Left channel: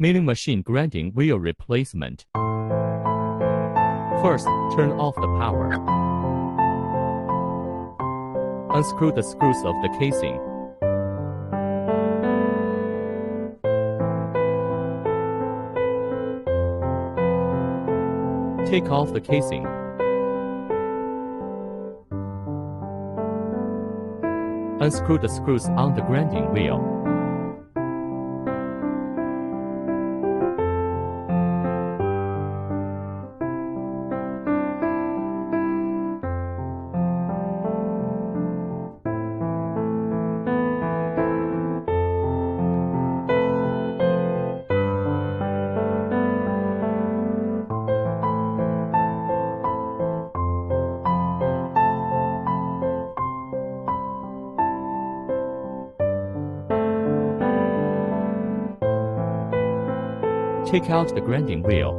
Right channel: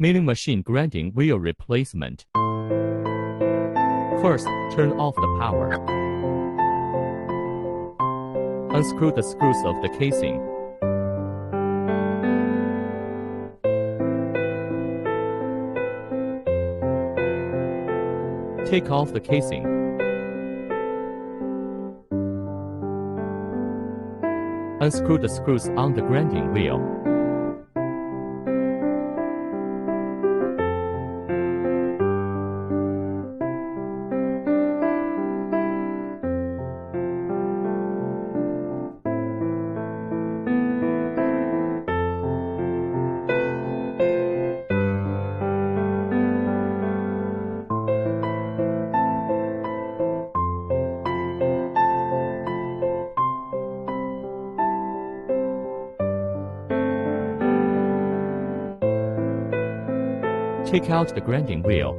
Milling machine grinding wheel replacement. First, turn off the power. Unscrew the screws of the casing. Take off the casing. Unscrew the screws on the grinding wheel. Take out the grinding wheel.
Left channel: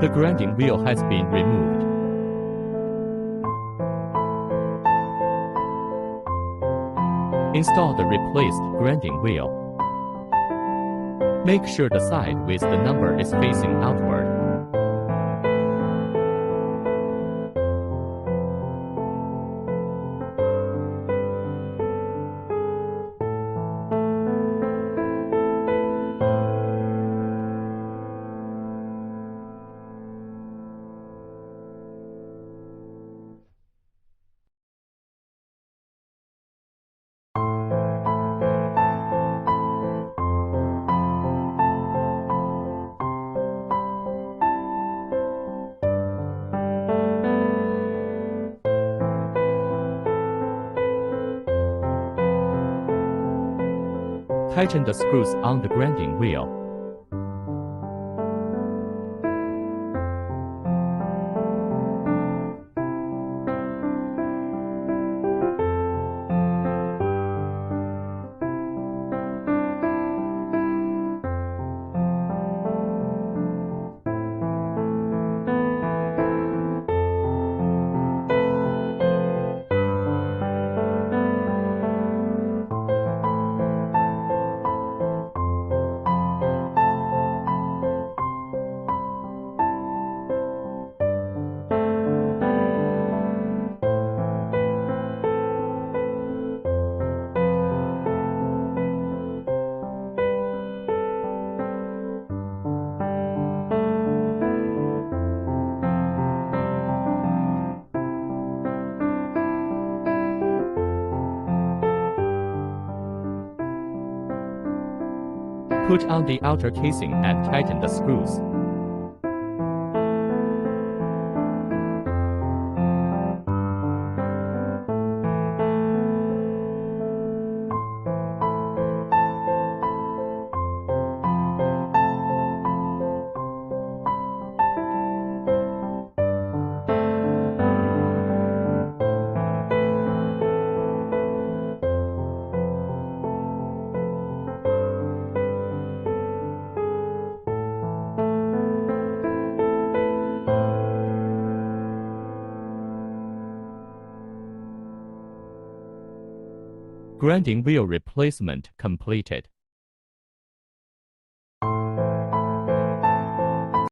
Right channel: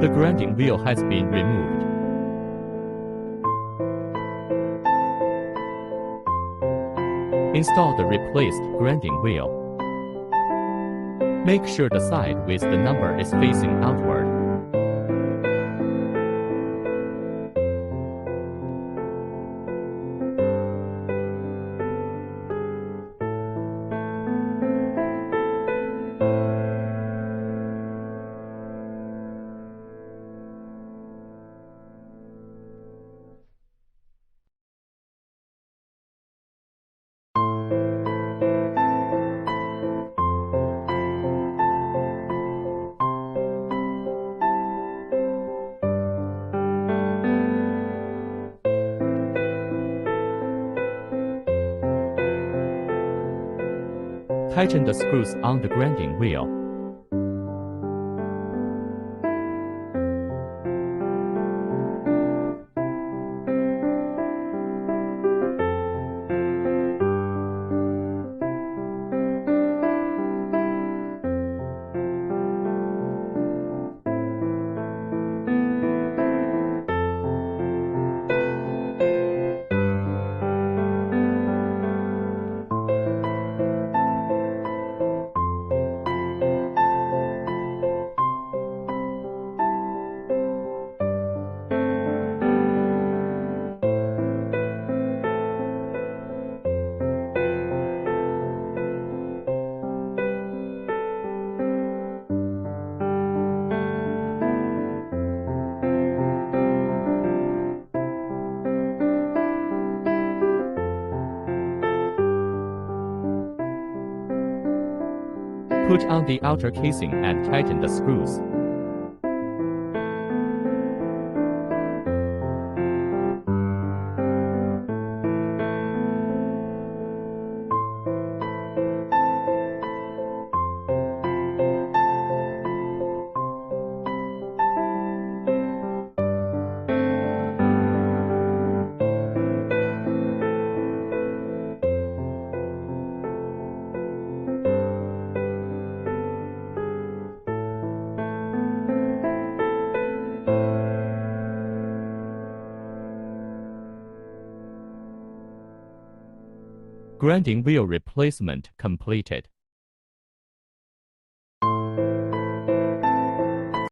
The grinding wheel has been removed. Install the replaced grinding wheel. Make sure the side with the number is facing outward. Tighten the screws on the grinding wheel. Put on the outer casing and tighten the screws. Grinding wheel replacement completed.